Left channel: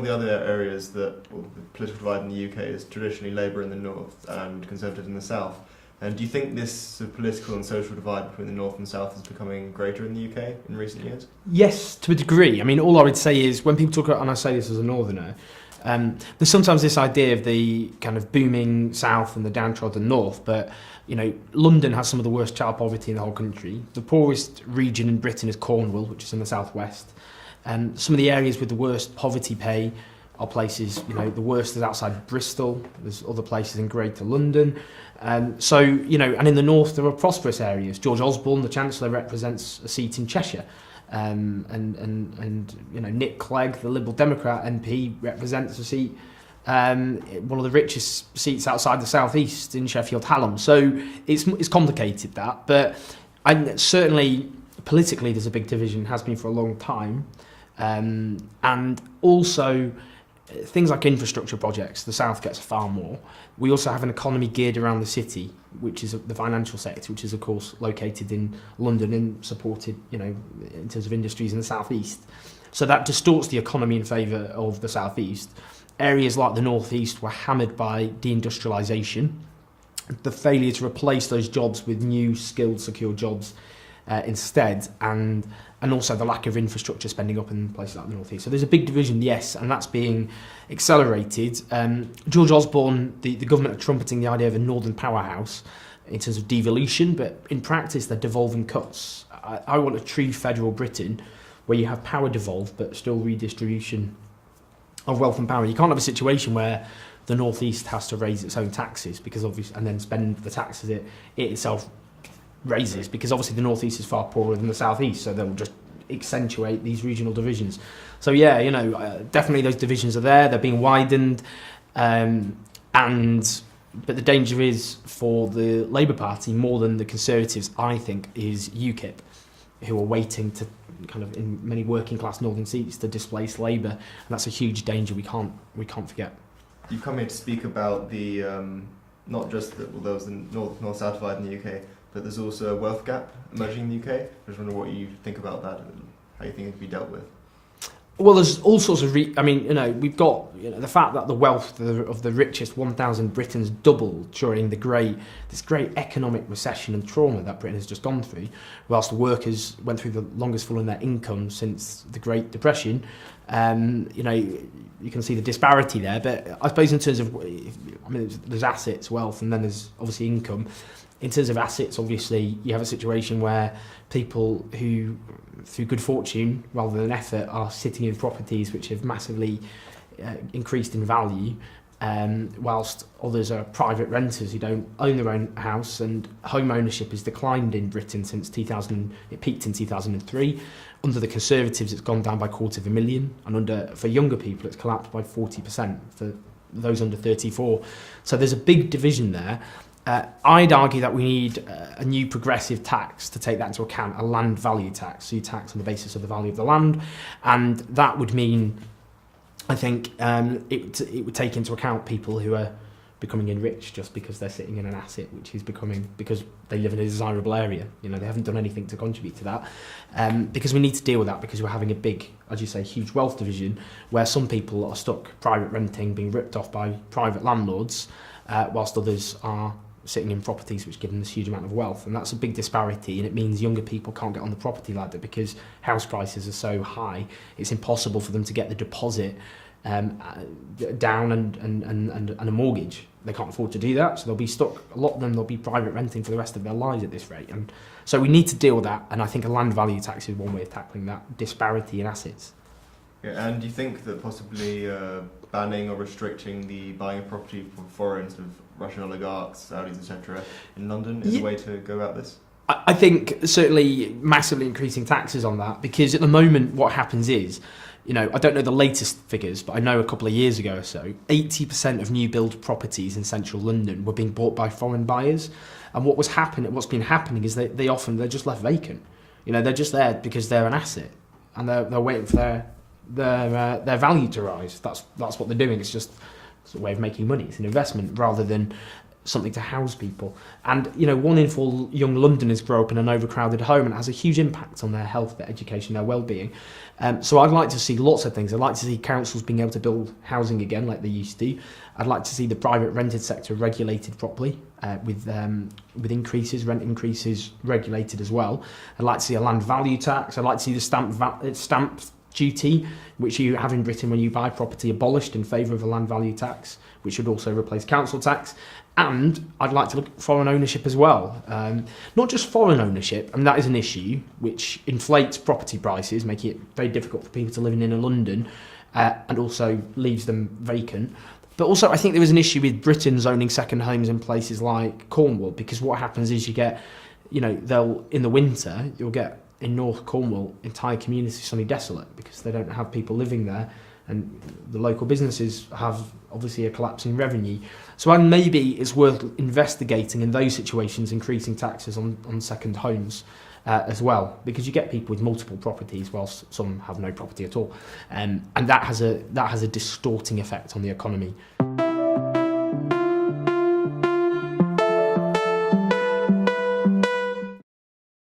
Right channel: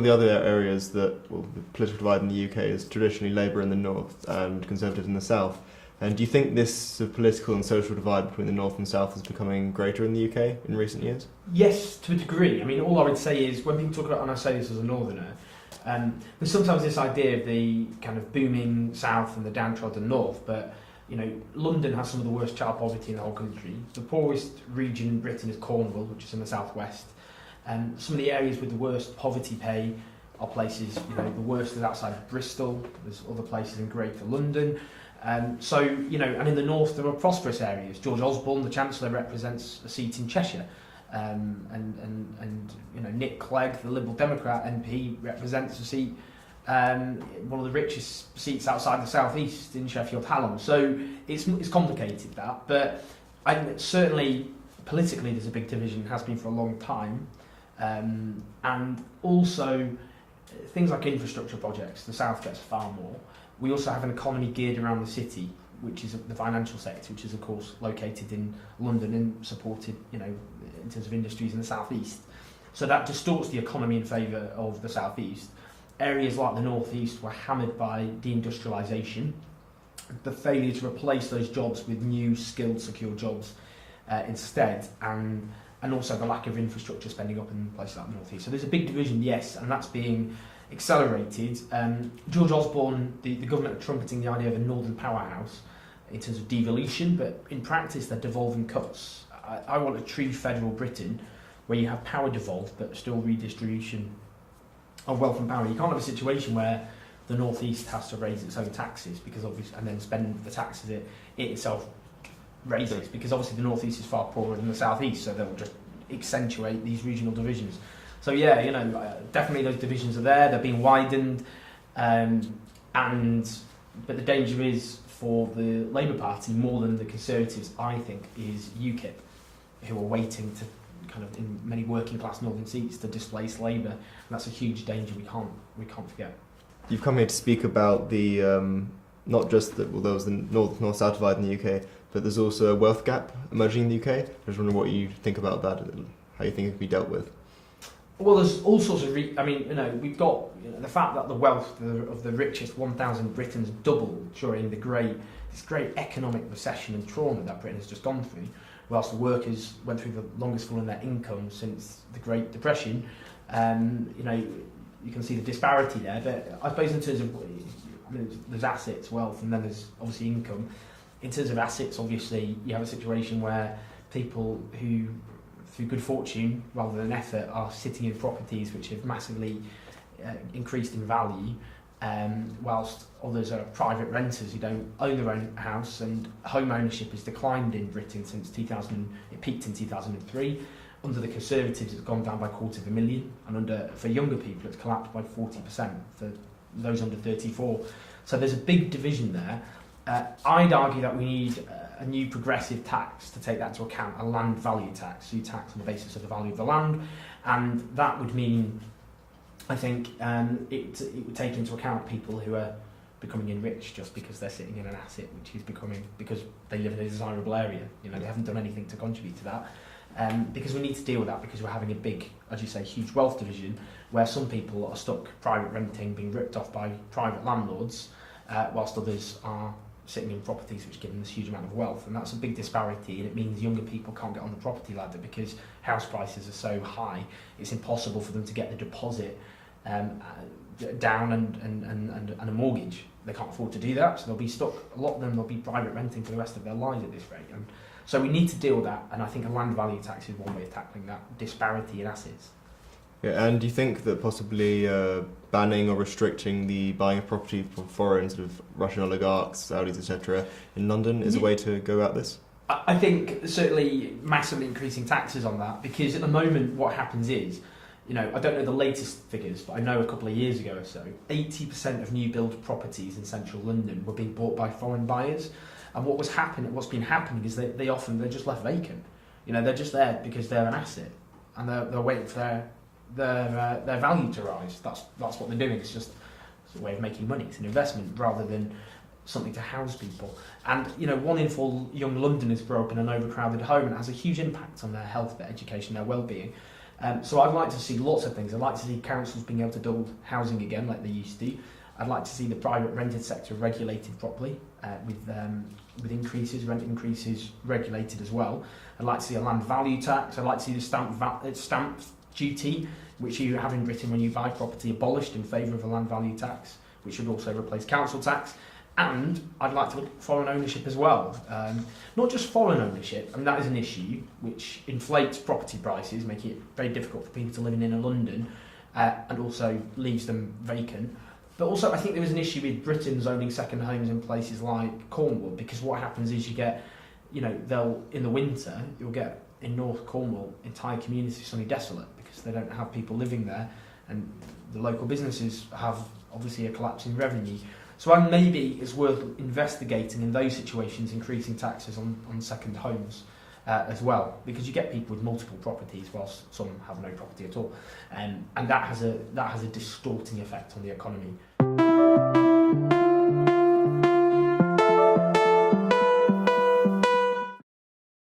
of the other areas that, well, the political divide in the UK is traditionally Labour in the north and Conservatives in the south. And do you think this sort of political and social divide between the north and south is becoming greater in the UK in recent years? Yes, to a degree. I mean, all I would say is when people talk about, and I say this as a northerner, there's sometimes this idea of the kind of booming south and the downtrodden north, but you know, London has some of the worst child poverty in the whole country. The poorest region in Britain is Cornwall, which is in the southwest. And some of the areas with the worst poverty pay are places, you know, the worst is outside Bristol. There's other places in Greater London. So, you know, and in the north there are prosperous areas. George Osborne, the Chancellor, represents a seat in Cheshire. And you know, Nick Clegg, the Liberal Democrat MP, represents a seat, one of the richest seats outside the southeast in Sheffield Hallam. So it's complicated, that, but certainly politically there's a big division, has been for a long time, and also things like infrastructure projects. The south gets far more. We also have an economy geared around the city, which is the financial sector, which is of course located in London and supported, you know, in terms of industries in the southeast. So that distorts the economy in favour of the southeast. Areas like the northeast were hammered by deindustrialisation, the failure to replace those jobs with new skilled, secure jobs instead, and also the lack of infrastructure spending up in places like the northeast. So there's a big division, yes, and that's being accelerated. George Osborne, the government are trumpeting the idea of a northern powerhouse in terms of devolution, but in practice they're devolving cuts. I want a true federal Britain where you have power devolved but still redistribution of wealth and power. You can't have a situation where the northeast has to raise its own taxes because obviously, and then spend the taxes it itself raises, because obviously the northeast is far poorer than the southeast, so they'll just accentuate these regional divisions. So yeah, you know, definitely those divisions are there. They're being widened, but the danger is for the Labour Party more than the Conservatives, I think, is UKIP, who are waiting to kind of in many working class northern seats to displace Labour, and that's a huge danger we can't forget. You've come here to speak about the not just that, well, there was the north-south divide in the UK, but there's also a wealth gap emerging in the UK. I was wondering what you think about that and how you think it could be dealt with. Well, there's all sorts of I mean, you know, we've got, you know, the fact that the wealth of the richest 1,000 Britons doubled during this great economic recession and trauma that Britain has just gone through, whilst the workers went through the longest fall in their income since the Great Depression. You know, you can see the disparity there, but I suppose in terms of, I mean, there's assets, wealth, and then there's obviously income. In terms of assets, obviously, you have a situation where people who, through good fortune rather than effort, are sitting in properties which have massively increased in value, whilst others are private renters who don't own their own house, and home ownership has declined in Britain since 2000. It peaked in 2003. Under the Conservatives, it's gone down by 250,000, and for younger people, it's collapsed by 40% for those under 34. So there's a big division there. I'd argue that we need a new progressive tax to take that into account, a land value tax, so you tax on the basis of the value of the land, and that would mean, I think, it would take into account people who are becoming enriched just because they're sitting in an asset which is becoming, because they live in a desirable area. You know, they haven't done anything to contribute to that, because we need to deal with that, because we're having a big, as you say, huge wealth division where some people are stuck private renting, being ripped off by private landlords, whilst others are sitting in properties which give them this huge amount of wealth, and that's a big disparity, and it means younger people can't get on the property ladder because house prices are so high. It's impossible for them to get the deposit down and a mortgage. They can't afford to do that, so they'll be stuck. A lot of them, they'll be private renting for the rest of their lives at this rate, and so we need to deal with that, and I think a land value tax is one way of tackling that disparity in assets. Yeah, and do you think that possibly banning or restricting the buying of property for foreign sort of Russian oligarchs, Saudis, etc. in London is a way to go about this? I think certainly massively increasing taxes on that, because at the moment what happens is, you know, I don't know the latest figures, but I know a couple of years ago or so, 80% of new build properties in central London were being bought by foreign buyers, and what's been happening is they're just left vacant. You know, they're just there because they're an asset, and they're waiting for their value to rise. That's what they're doing. It's a way of making money. It's an investment rather than something to house people. And 1 in 4 young Londoners grow up in an overcrowded home, and it has a huge impact on their health, their education, their well-being. So I'd like to see lots of things. I'd like to see councils being able to build housing again like they used to. I'd like to see the private rented sector regulated properly, with rent increases regulated as well. I'd like to see a land value tax. I'd like to see the stamp duty, which you have in Britain when you buy property, abolished in favour of a land value tax, which would also replace council tax. And I'd like to look at foreign ownership as well. Not just foreign ownership, and that is an issue which inflates property prices, making it very difficult for people to live in inner London, and also leaves them vacant. But also I think there is an issue with Britain owning second homes in places like Cornwall, because what happens is you get, in the winter, you'll get in North Cornwall entire communities suddenly desolate because they don't have people living there, and the local businesses have obviously a collapsing revenue. So maybe it's worth investigating in those situations, increasing taxes on second homes as well, because you get people with multiple properties whilst some have no property at all, and that has a distorting effect on the economy.